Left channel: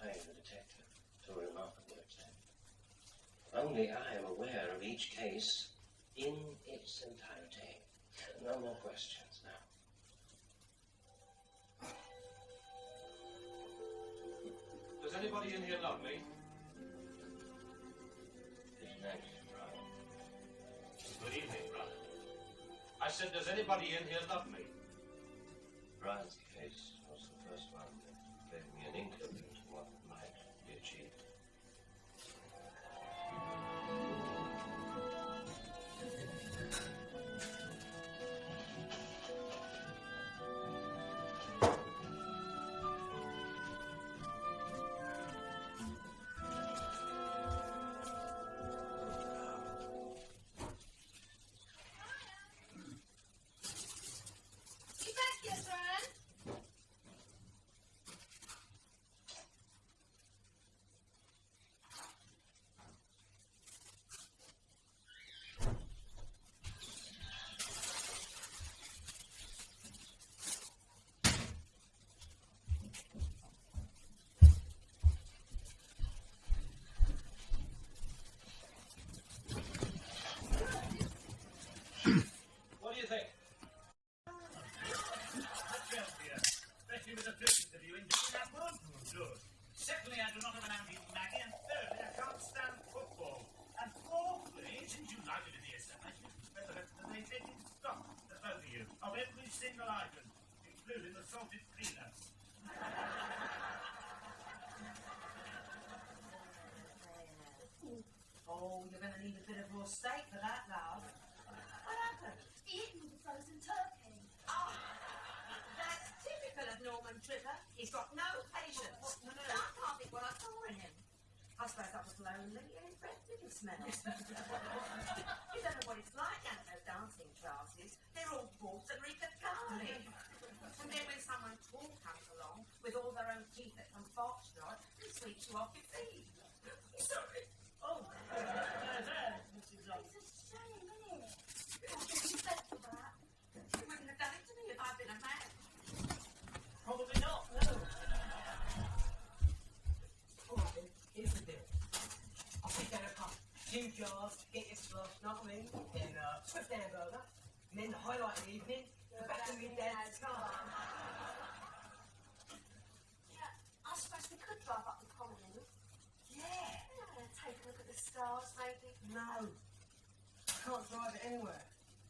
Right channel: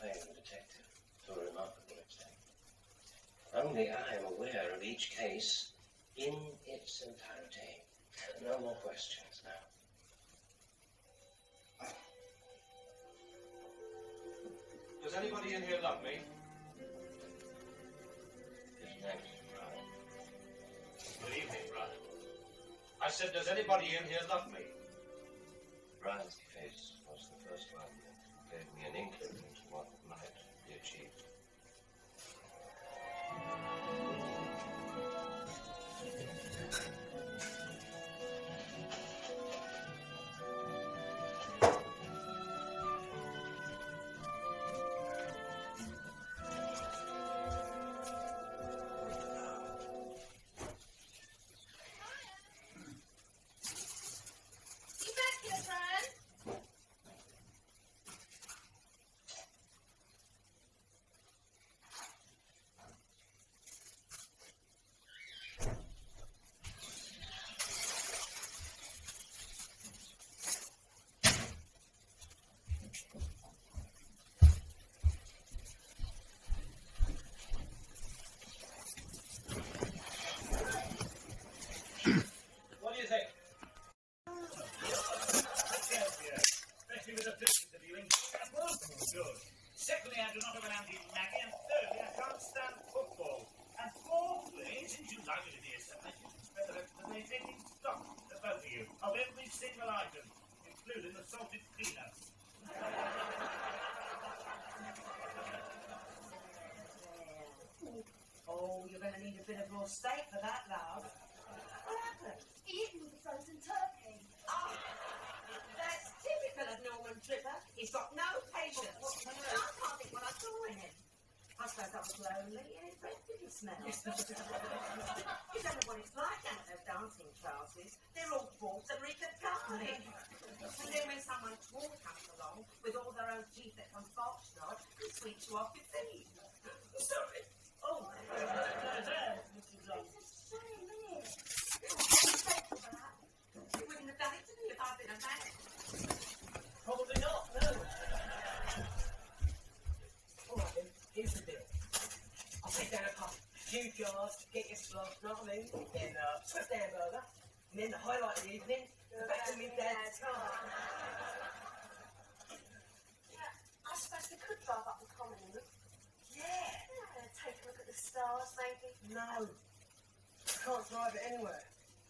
playing the detective to a remarkable extent. Only I am aware of each case in its entirety. No more questions now. Does anybody in here love me? His name is Brian. Good evening, brother. I said, does anybody in here love me? Brian's case was the first one that gave me an inkling into what might be achieved. What do you think? Especially with the pictures of you in Singapore. Good. Secondly, I do not have an anti-nagging. And thirdly, I can't stand football. And fourthly, since you like it to be established, you spend the rest of the day taking stock, the both of you, of every single item, including the salted peanuts. Oh, you're going to need a bit of more steak for that, love. What happened? He hit me with a frozen turkey. Oh, that's typical of Norman Tripper. He's got no patience. I can't think what I saw in him. I suppose I was lonely and his breath didn't smell. You don't know what it's like at those dancing classes. They're all bought and reek of garlic. And then when someone tall comes along with all their own teeth that can foxtrot, it sweeps you off your feet. Sorry. Oh, there, Mrs. Long. It's a shame, isn't it? Thank you for that. You wouldn't have done it to me if I'd been a man. Probably not, no. All right, then, here's the deal. I'll take down a couple, few jars to get your slosh, know what I mean? Then Swift hamburger, and then the highlight of the evening, the back of my dad's car. I suppose we could drive up the common and Yeah. take a look at the stars, maybe. No, I can't drive it anywhere.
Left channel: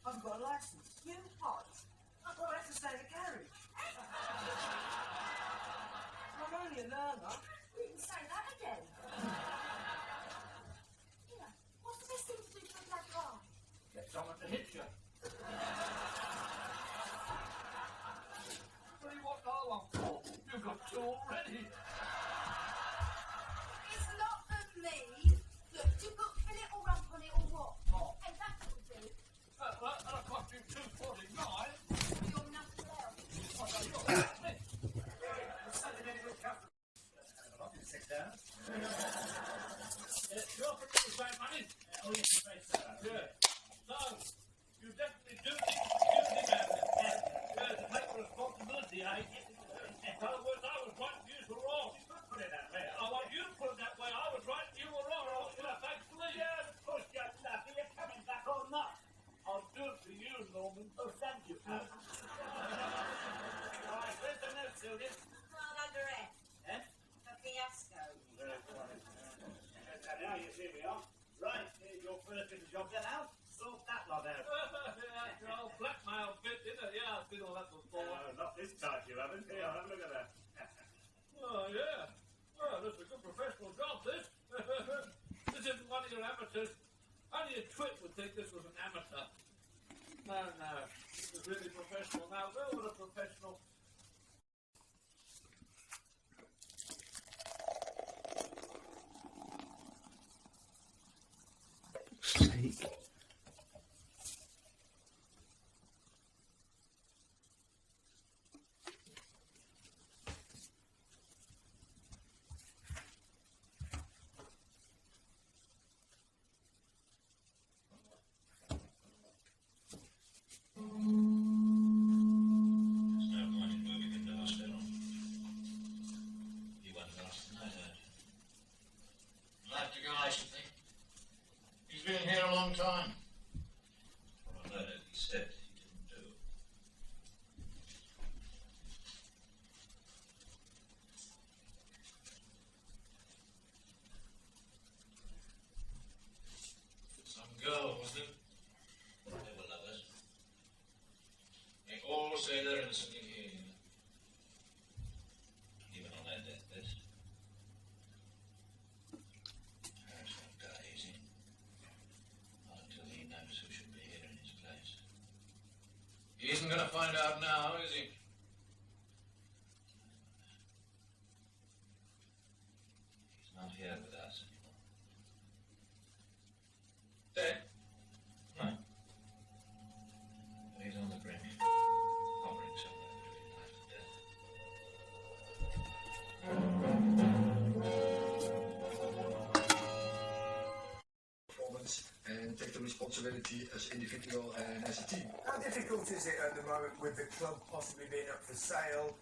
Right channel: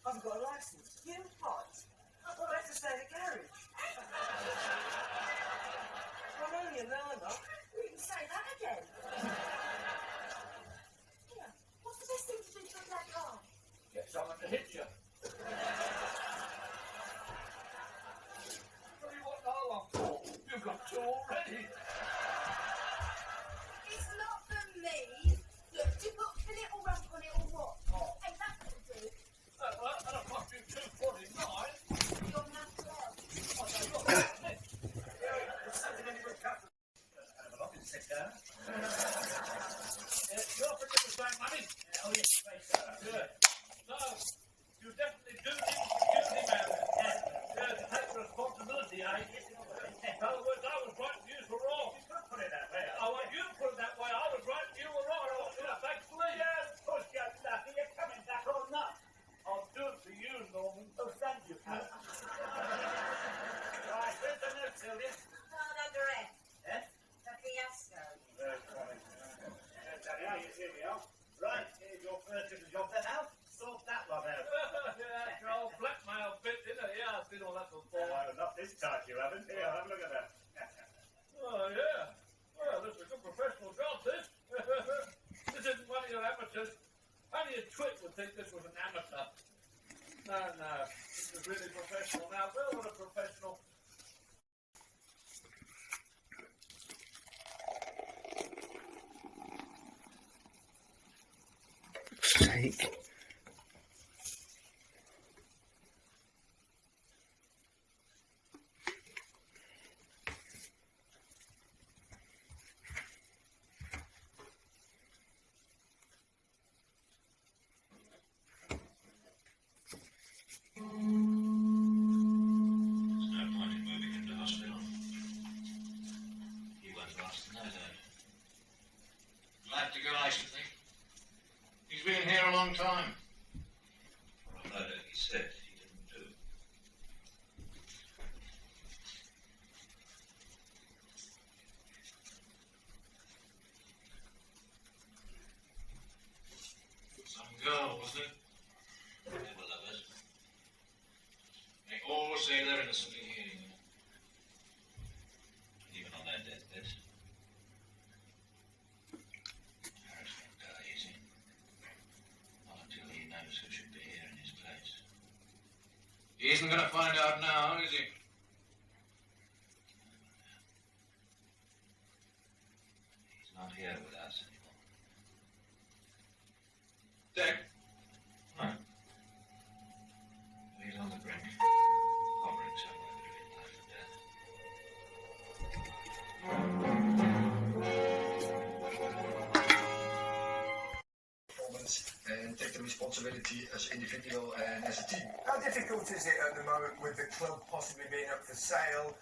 I haven't got a license. You what? Well, I have to stay in the carriage. Well, I'm only a learner. You can say that again. Here, what's the best thing to do for a black car? Get someone to hit you. Tell you what I want for. You've got two already. It's not for me. Look, do you put fillet or rump on it or what? Oh. Hey, that will do. Well, that'll cost you $2.49. You're nothing else. Sit down. You offered me the same money? Oh, yes, you may, sir. Good. So, you definitely do need security, man. To take responsibility, eh? In other words, I was right and you were wrong. You can't put it that way. I want you to put it that way. I was right and you were wrong. I want you to thankfully. Yes, push get lucky. You're coming back or not. I'll do it for you, Norman. Oh, thank you, pal. Right, where's the note, Sylvia? Hard under F. Eh? The fiasco. Very funny. Here we are. Right, here's your first little job then, Al. Sort that lot out. Yeah, your old blackmail bit, isn't it? Yeah, I've been all that before. Not this time you haven't. Here, have a look at that. Oh, yeah. Well, this is a good professional job, this. This isn't one of your amateurs. Only a twit would think this was an amateur. No, no. This is really professional. Now, Bill, what a professional. Sake. There's no point in moving him to hospital. He won't last the night, long time. No, no, he said he didn't do. Some girl, wasn't it? They were lovers. They all say they're innocently here. Even on their deathbeds. Harris won't die easy. Not until he knows who should be here in his place. He isn't going to find out now, is he? He's not here with us anymore. Dead? No. But he's on the brink. Hovering somewhere between life and death. Performance and take the responsibility as individual and as a team. How difficult is it at the moment with the club possibly being up for sale,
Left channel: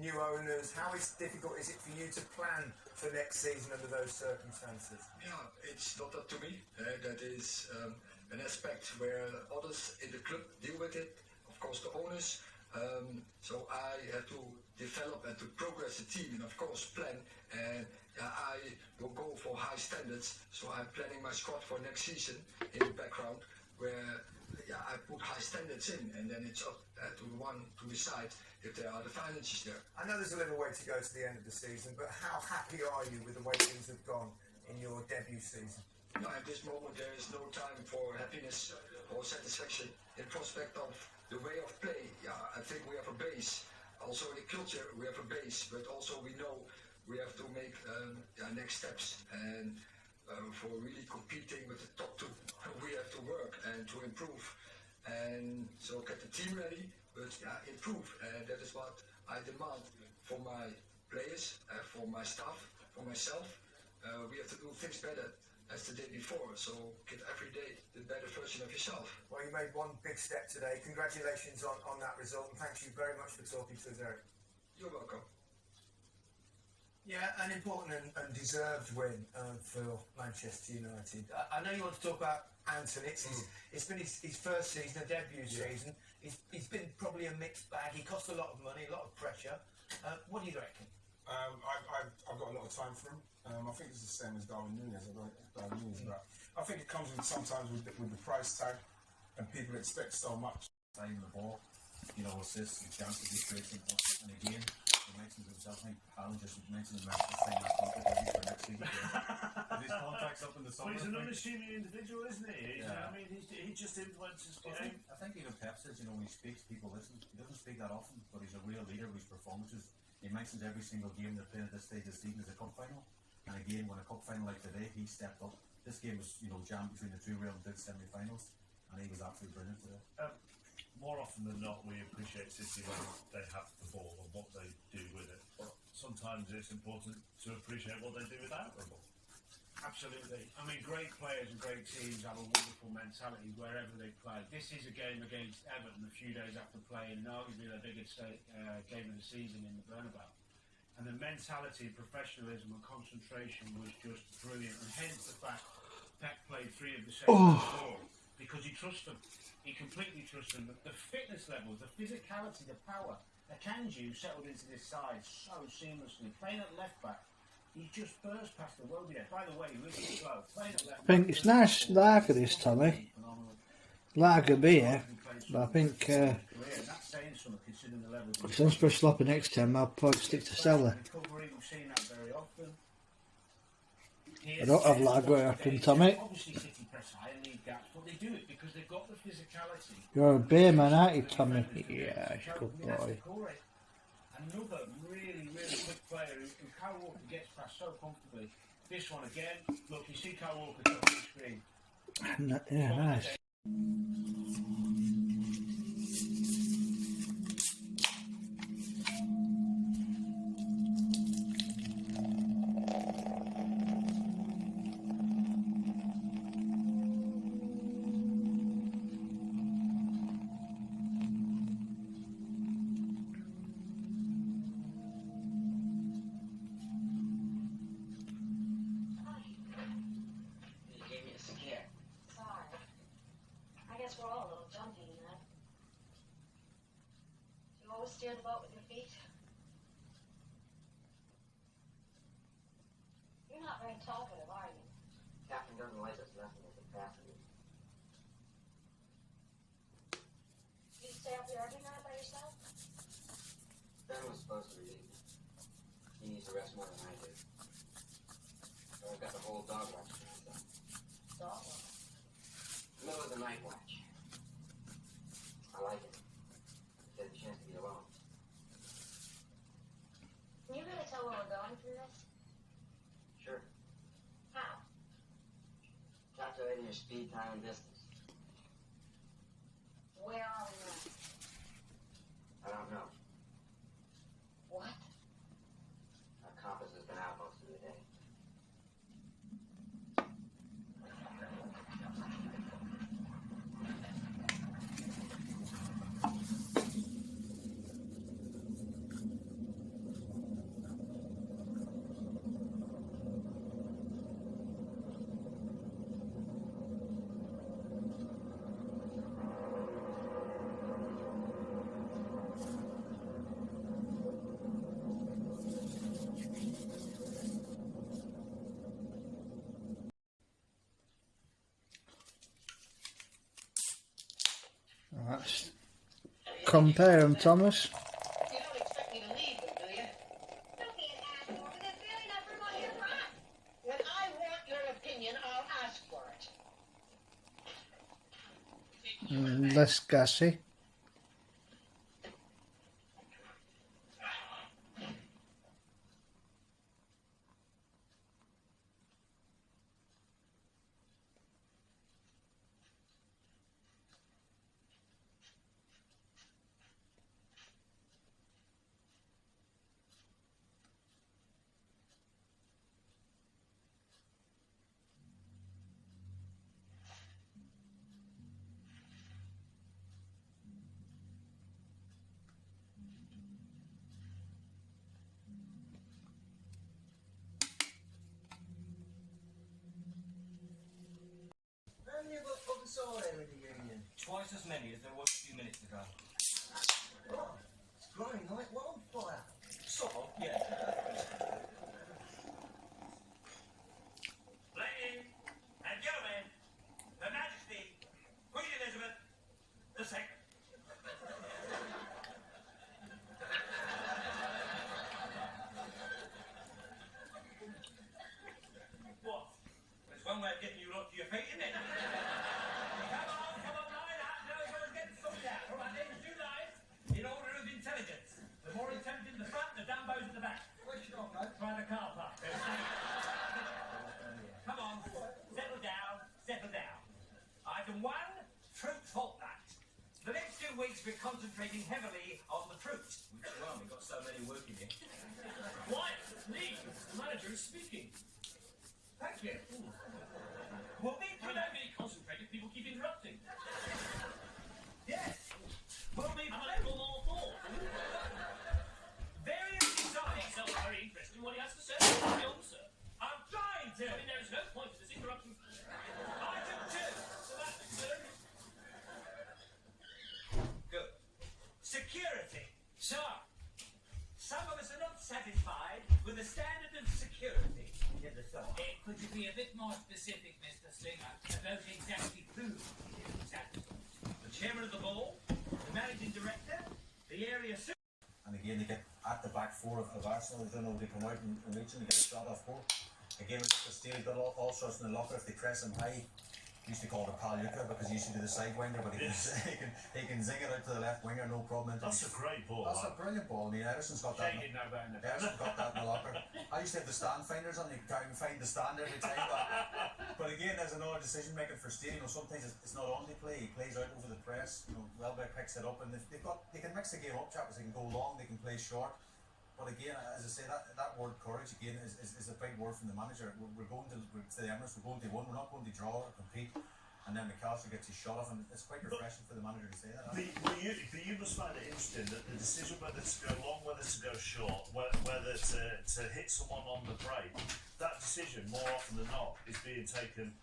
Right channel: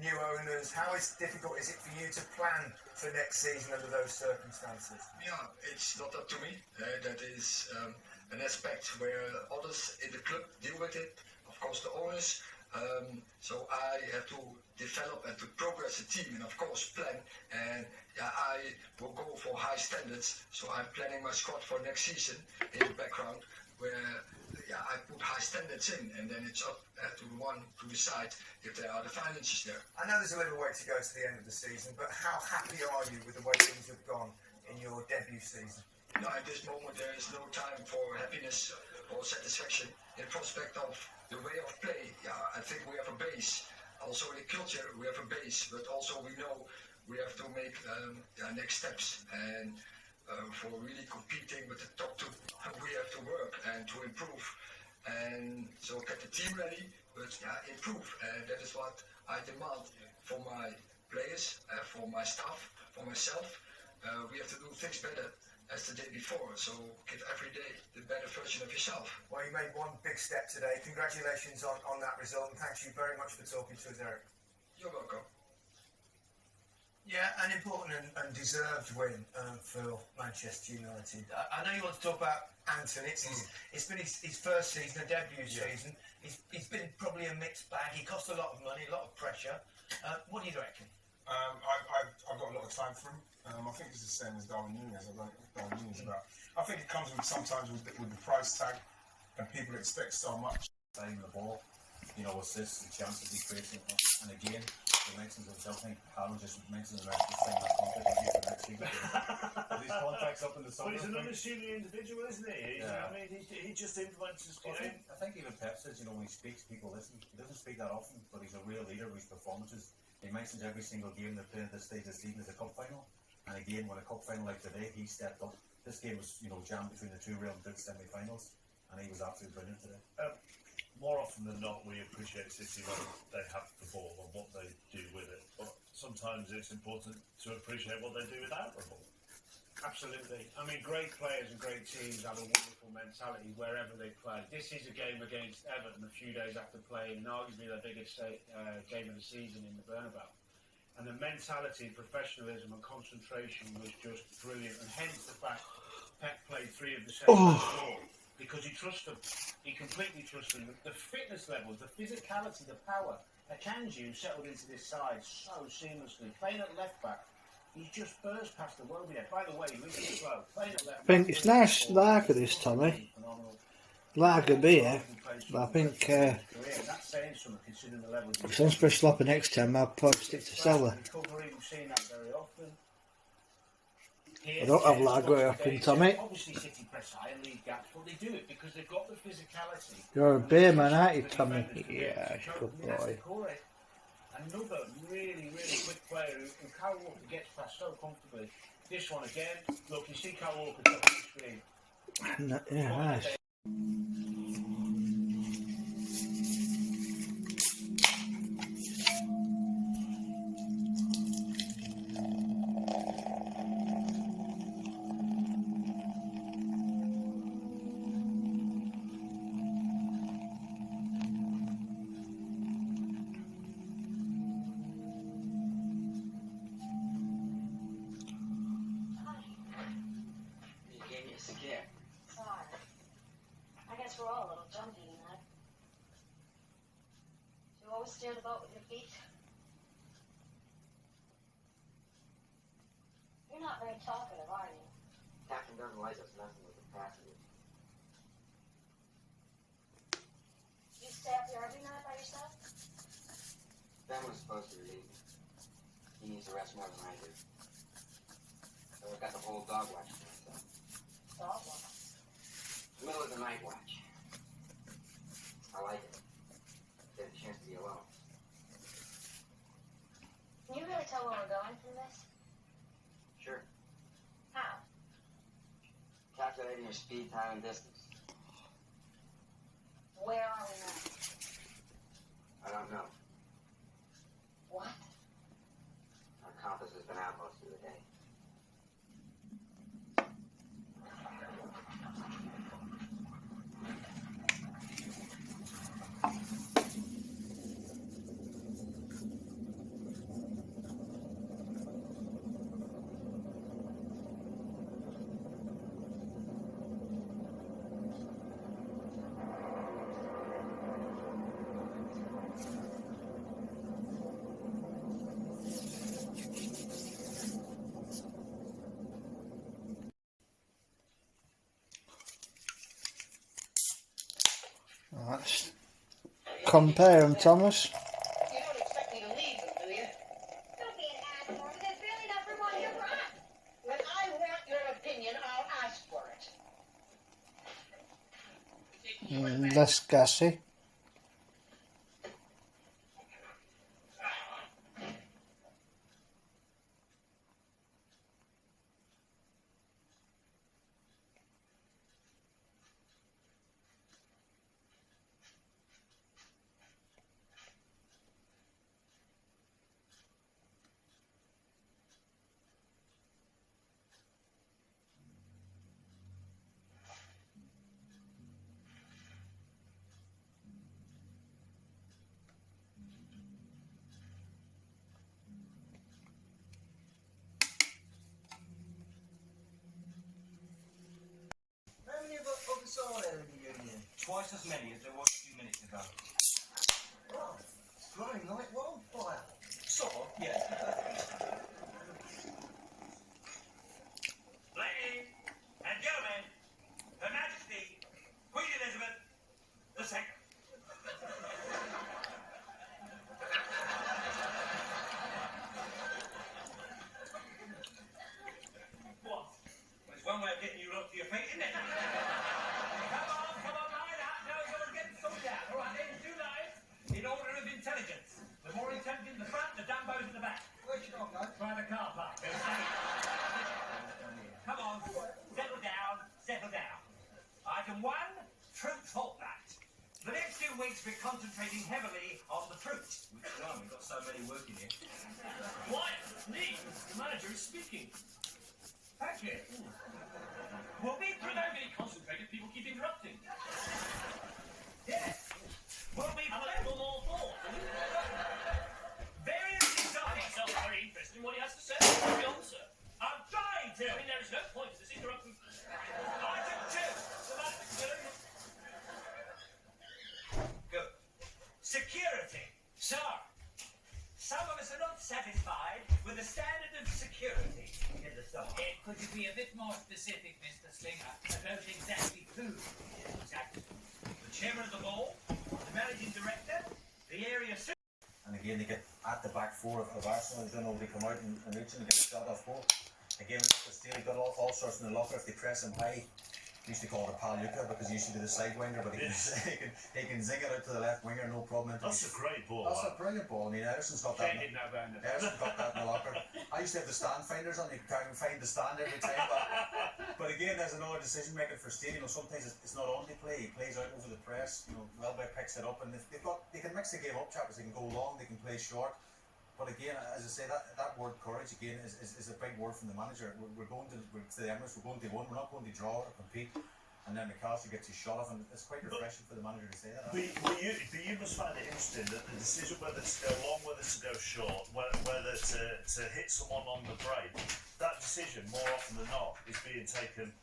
new owners? How difficult is it for you to plan for next season under those circumstances? Yeah, it's not up to me. That is an aspect where others in the club deal with it. Of course, the owners. So I have to develop and to progress the team and of course plan. And I will go for high standards. So I'm planning my squad for next season in the background where I put high standards in, and then it's up to the one to decide if there are the finances there. I know there's a little way to go to the end of the season, but how happy are you with the way things have gone in your debut season? No, at this moment there is no time for happiness or satisfaction in prospect of the way of play. Yeah, I think we have a base. Also the culture, we have a base, but also we know we have to make next steps. And for really competing with the top two, we have to work and to improve. And so get the team ready, but improve. And that is what I demand for my players, for my staff, for myself. We have to do things better as the day before. So give every day the better version of yourself. Well, you made one big step today. Congratulations on that result, and thank you very much for talking to us, Eric. You're welcome. Yeah, an important and deserved win for Manchester United. I know you want to talk about Anton. It's been his first season, a debut season. It's been probably a mixed bag. He cost a lot of money, a lot of pressure. What do you reckon? I've got a lot of time for him. I think it's the same as Darwin Núñez. I think it comes with sometimes with the price tag, and people expect so much. Time the ball, assists and chances he creates, and again, he mentions himself. I think Haaland just mentioned the rest of the same contract for next season. His contract's up in the summer. Well, he's an unassuming individual, isn't he? Yeah. I mean, he just influences I game. think even Pep says, when he speaks, people listen. He doesn't speak that often, but he's a real leader with his performances. He mentions every single game they're playing at this stage of the season as a cup final. And again, when a cup final like today, he stepped up. This game was, jammed between the two Real Madrid semi-finals, and he was absolutely brilliant today. More often than not, we appreciate City when they have the ball and what they do with it. But sometimes it's important to appreciate what they do without the ball. Absolutely. I mean, great players and great teams have a wonderful mentality wherever they play. This is a game against Everton a few days after playing arguably their biggest game of the season in the Bernabeu. And the mentality, professionalism and concentration was just brilliant. And hence the fact Pep played 3 of the 7 before. Because he trusts them. He completely trusts them. The fitness levels, the physicality, the power. Akanji settled into this side so seamlessly. Playing at left back, he just burst past the Wobie there. By the way, really slow. Playing at left back. I think it's nice lager this, Tommy. Lager beer, but I think That's saying something considering the levels. if it's on special offer next time, I'll probably stick to Stella. Recovery, we've seen that very often. I don't have lager up in Tommy. Obviously, City press high and lead gaps, but they do it because they've got the physicality. You're a beer man, aren't you, Tommy? Yeah, good boy. Another really, really quick player who Kyle Walker gets past so comfortably. This one again. Look, you see Kyle Walker top of the screen. Yeah, nice. You gave me a scare. Fire. always steer the boat with your feet? You're not very talkative, are you? Captain doesn't like us messing with the passengers. You stay up here every night by yourself? Ben was supposed to relieve me. He needs to rest more than I do. So I've got the whole dog watch to myself. Dog watch. Middle of the night watch. I like it. Get a chance to be alone. Can you really tell where we're going from this? Sure. How? Calculating your speed, time, and distance. Where are we now? I don't know. What? Our compass has been out most of the day. Right. Compare them, Thomas. You don't expect me to leave them, do you? Don't be an ass, Norman. There's barely enough room on here for us. When I want your opinion, I'll ask for it. Less gassy. How many of us probably saw there in the union? Twice as many as there was a few minutes ago. Right. It's growing like wildfire. Sort of, yeah. Ladies and gentlemen, Her Majesty, Queen Elizabeth II. What? Well, it's one way of getting you up to your feet, isn't it? Come on, line out, now you're going to get sorted out. All right, then, two lines in order of intelligence. The more intelligent in the front, the Dumbos at the back. Where's your dog, mate? Try the car park. They're safe. Come on, settle down, settle down. Item 1, fruit fortnight. The next 2 weeks we're concentrating heavily on the fruit. Well, we've got so many working here. Quiet, me. The manager is speaking. Thank you. We'll be I don't really concentrate if people keep interrupting. Yes. We'll be I'm a little more thought. very exciting. Sounds very interesting what he has to say. Carry on, sir. I'm trying to. I mean, there is no point to this interrupting. Item 2. So that's good. Good. Security. Sir, some of us are not satisfied with the standard of security in the summer. Could you be a bit more specific, Mr. Slinger, about exactly who? Exactly. The chairman of the board, the managing director, the area super. And again, they get at the back four of Arsenal. They don't know they come out and reach him and get a shot off goal. Again, with the steal, got all sorts in the locker. If they press him high, we used to call it Paluca because he used to be the side winger, but he can zing it out to the left winger, no problem. That's a great ball. That's a brilliant ball. I mean, Ederson's got that. Shane didn't know about it. Ederson's got that in the locker. I used to have the stand finders on. You can't find the stand every time. But again, there's another decision making for Steele. You know, sometimes it's not on the play. He plays out over the press. You know, Welbeck picks it up, and they can mix the game up, chaps. They can go long, they can play short. But again, as I say, that word courage again is a big word from the manager. We're going to the Emirates. We're going to win. We're not going to draw or compete. And then McAllister gets his shot off, and it's quite refreshing for the manager to say that. But you must find it interesting that the decision whether to go long, whether to go short, whether to hit someone on the break, that decision more often than not is being taken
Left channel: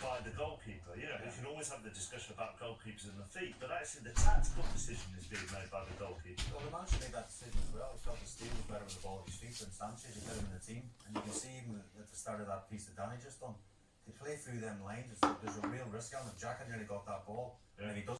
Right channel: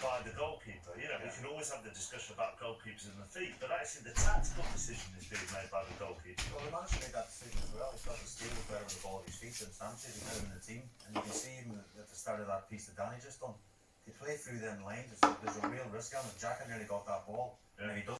by the goalkeeper. You know, we can always have the discussion about goalkeepers and the feet, but actually the tactical decision is being made by the goalkeeper. Well, the manager made that decision as well. He felt the Steele was better with the ball at his feet than Sanchez. He put him in the team, and you can see even at the start of that piece that Danny just done, they play through them lines. There's a real risk on it. Xhaka nearly got that ball, and if he doesn't